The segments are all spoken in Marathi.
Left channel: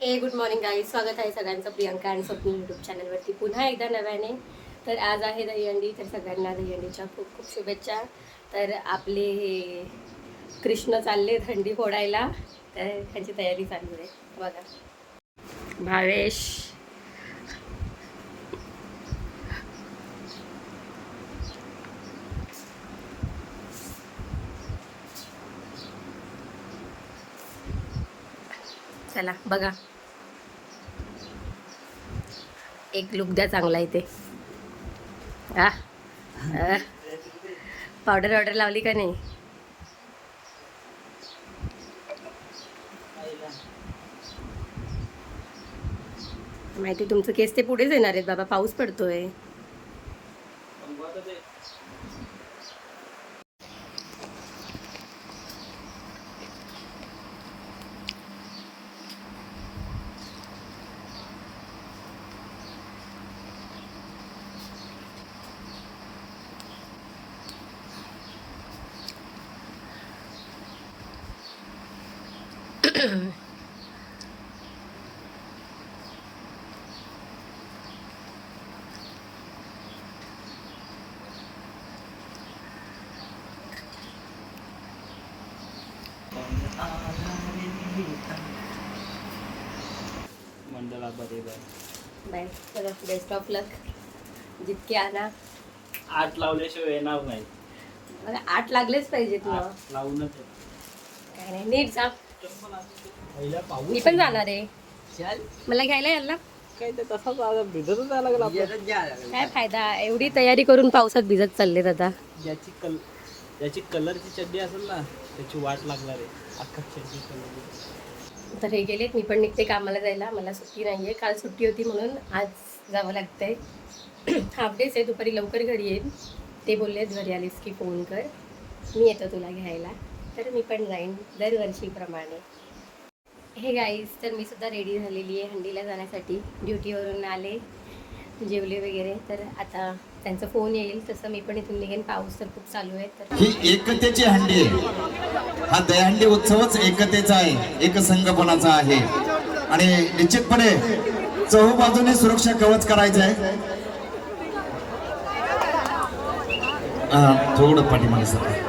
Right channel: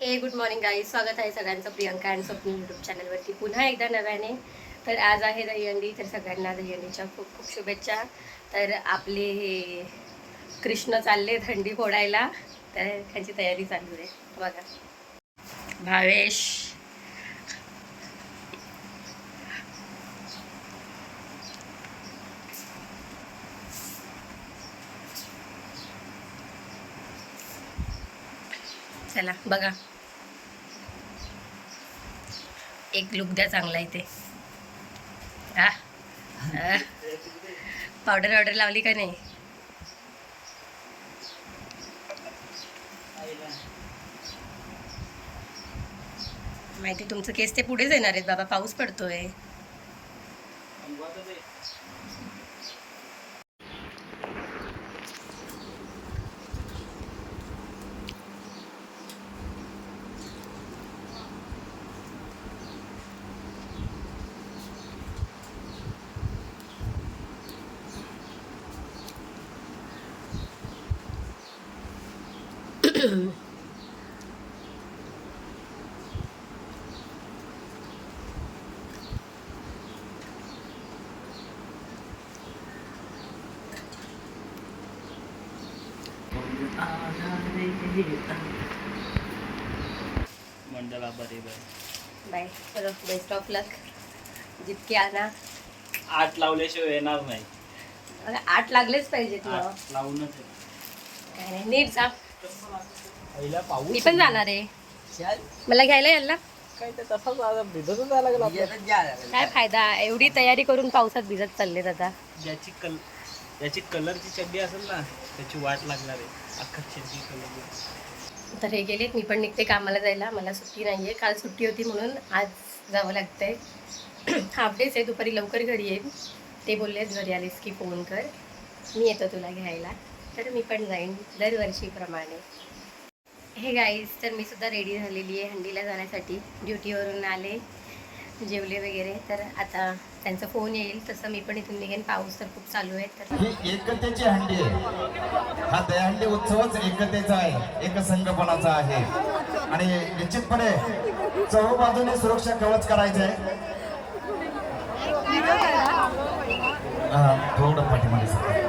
हे गुड मॉर्निंग गाई स्वागत आहे सगळ्यांचं प्रियंका अँड स्वप्न यूट्यूब चॅनलवरती. पुन्हा एकदा नव्याने तर आज आहे दहीहंडी तर सगळ्यांना दहीहंडीच्या खूप खूप शुभेच्छा. तर आपले हे कृष्ण चालले थंडी फोडायला तर ह्याची तयारी चालू आहे. बघा. भावेश. चला बघा. एक लुक द्या चांगला इथे हा पावडर ऑर्डर लावली का नाही? माहिती तुमचं केस ते पुढेच येणार आहेत बाबा. पाऊस पडतोय. Bye bye. चलो बेस्ट ऑफ लक जितके आणा. आठ लावल्याशिवाय येणार नाही. आठ लागलेच पाहिजेत मग आठ लावूनच. काय नाही नीट जा. पहिला पाऊस मी पण जाणार आहे. मला घ्यायला याल ना काय ते तसाच आज भिजतच यायला लागला आपलं. काय फायदा? एवढी तयारी करून पावसात भिजत चाललेत आता. ज्याची कल ज्याची कलरची चड्डी असेल ना त्याची वाट लागणार आहे. अख्खा चड्डी कलर. तर हे गेलेत मी पण निघते कामाला जायला. मला सुट्टी नाही आहे काल सुट्टी होती म्हणून आज जावं लागतंय. हाफ डेच आहे दुपारी लवकर घरी येईल ते बोललेत घरी आलीस की फोन कर. मी येतो तुला घ्यायला. तर मी पण जाईन दरवर्षीप्रमाणे. हे गाईज तर मी सुद्धा रेडी झालेली आहे हंडीला जाण्यासाठी. ड्युटीवरून आले जेवले वगैरे. तर आता त्यांचा फोन येईल. तसं मी पण इथून निघेन. पाऊस तर खूप चालू आहे तर ही एकतेची हंडी आहे. हा दहीहंडी उत्सवच एकतेचा आहे. एक संघपणाचा आहे? आणि निश्चितपणे चहूबाजूने सुरक्षा कवच करायचं आहे. थोडं पाठीमागे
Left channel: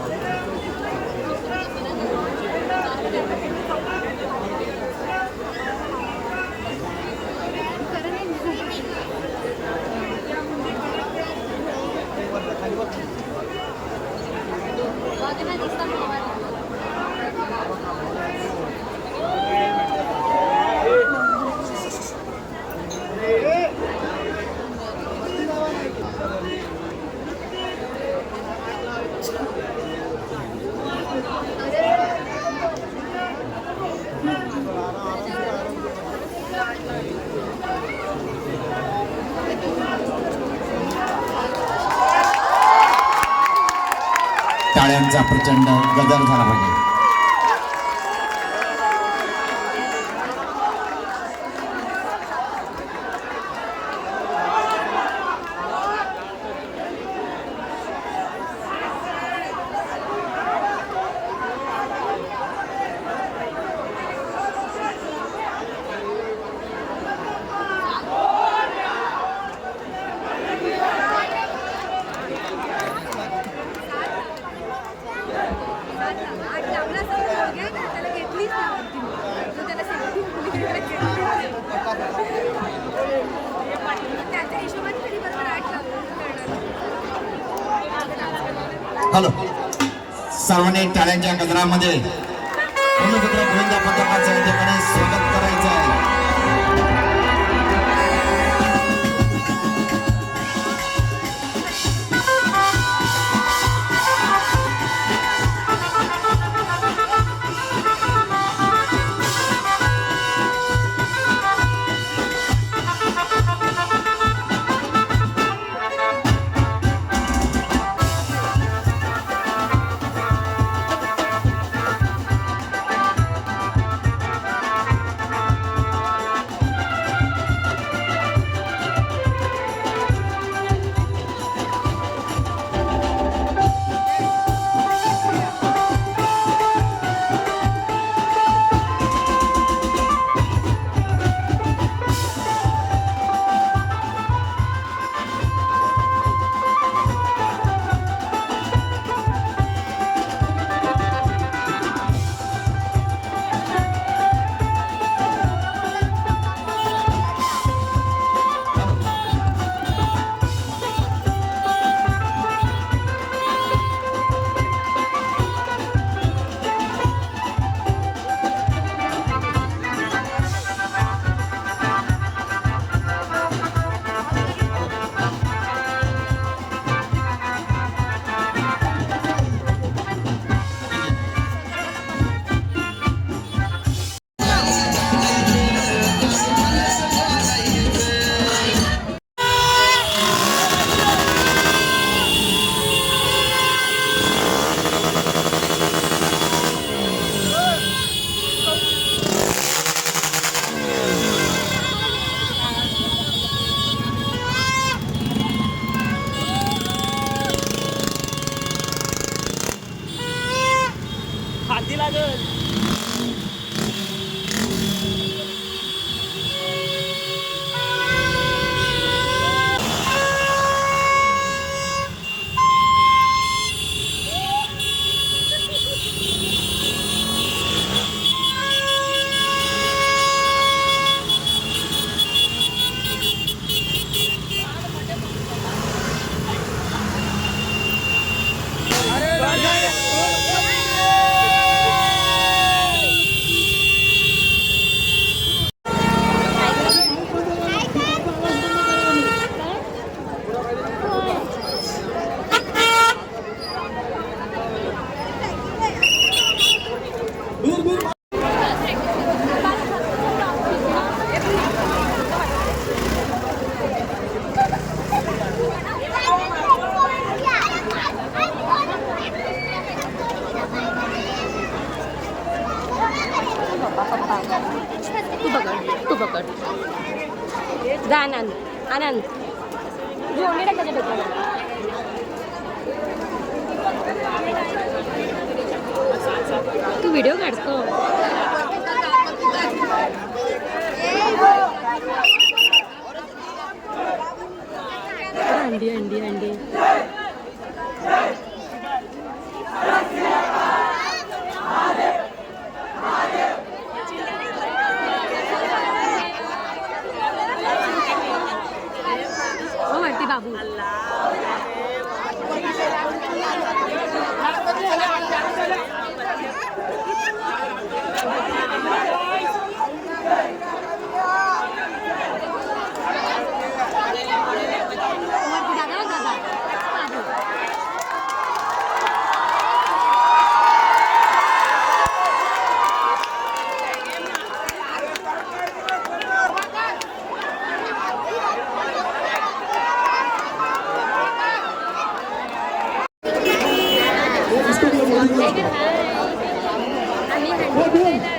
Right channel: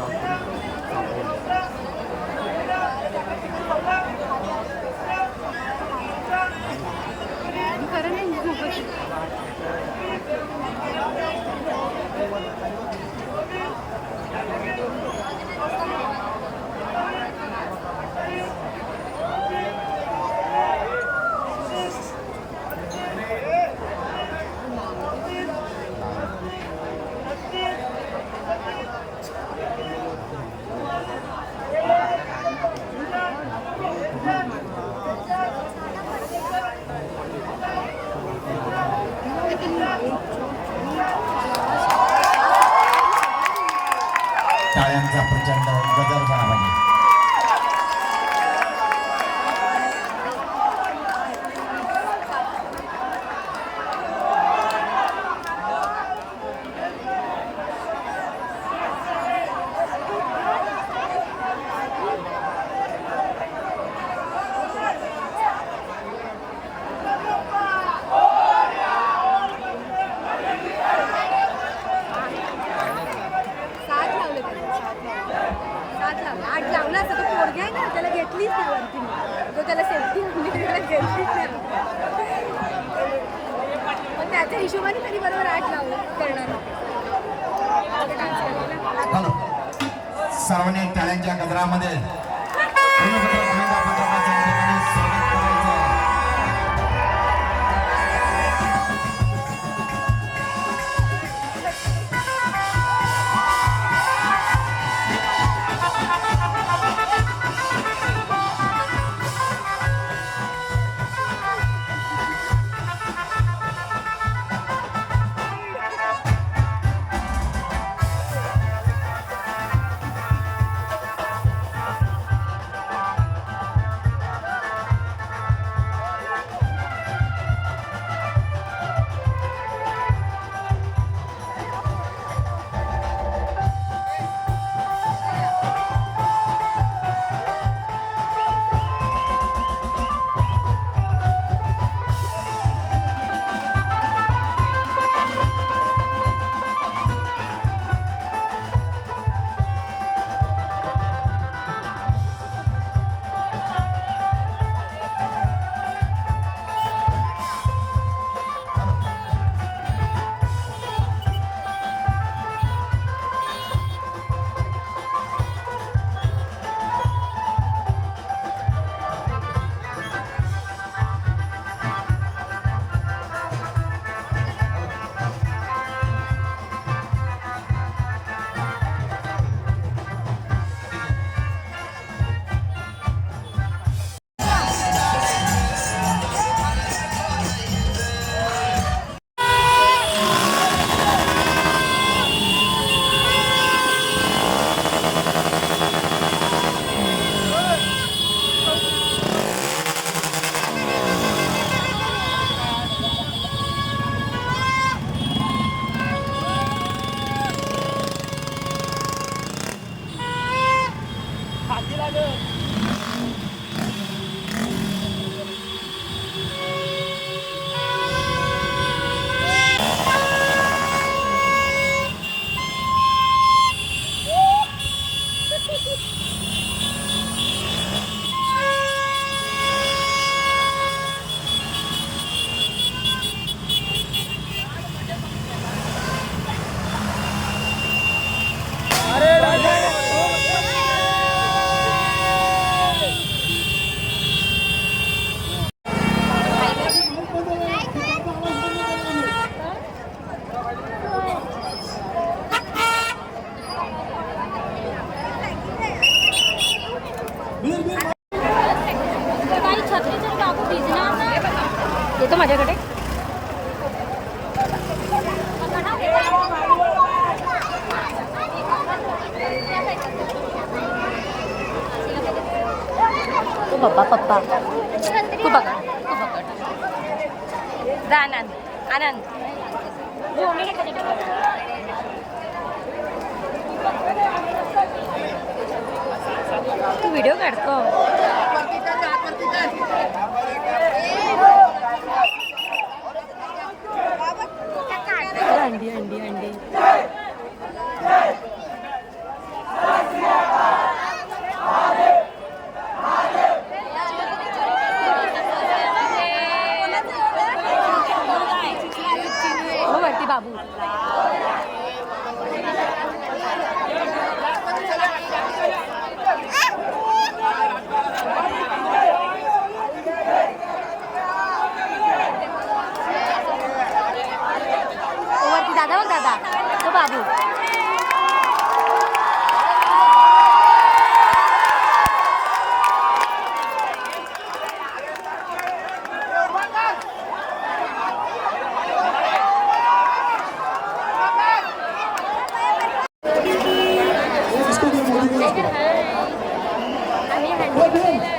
Thank you. त्यांचा प्रचंड बदल झाला पाहिजे आठ लावला असता तो पोरगे, त्याला घेतलीच नाही वरती मी. तो त्याला सोडून मी त्याला घेतलीच नाही. पण त्याच्या हिशोबाने तरी बरोबर आठ लावलं करणार हॅलो सर्वांनी टाळ्यांच्या गजरामध्ये. Não, não, não. जा आनंद आनंद. जोडणी टाक डोक्यावर. तू व्हिडिओ काढतो. अंडी अंडी अंडी. हो वरती बाबू हो वरती दादा बघ दादा हो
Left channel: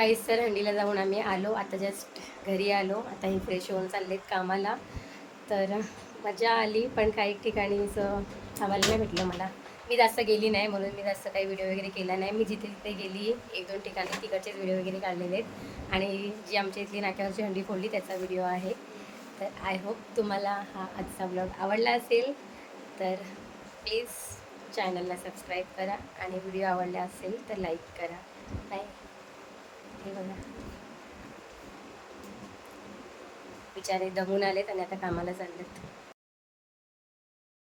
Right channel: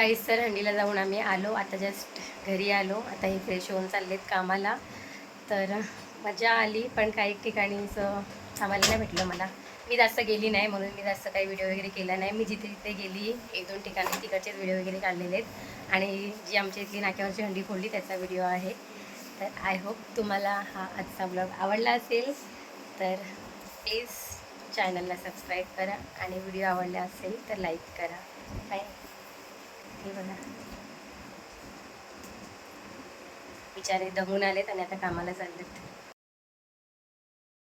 गाईस तर हंडीला जाऊन आम्ही आलो. आता जस्ट घरी आलो. आता हे फ्रेश होऊन चाललेत कामाला. तर मजा आली पण काही ठिकाणी असं थांबायला नाही भेटलं मला. मी जास्त गेली नाही म्हणून मी जास्त काही व्हिडिओ वगैरे केला नाही. मी जिथे जिथे गेली एक दोन ठिकाणी तिकडचेच व्हिडिओ वगैरे काढलेले आहेत. आणि जी आमच्या इथली नाक्यावरची हंडी फोडली त्याचा व्हिडिओ आहे. तर आय होप तुम्हाला हा आजचा ब्लॉग आवडला असेल. तर प्लीज चॅनलला सबस्क्राईब करा. आणि व्हिडिओ आवडला असेल तर लाईक करा. बाय हे बघा. बिचारे दमून आलेत आणि आता कामाला चाललेत.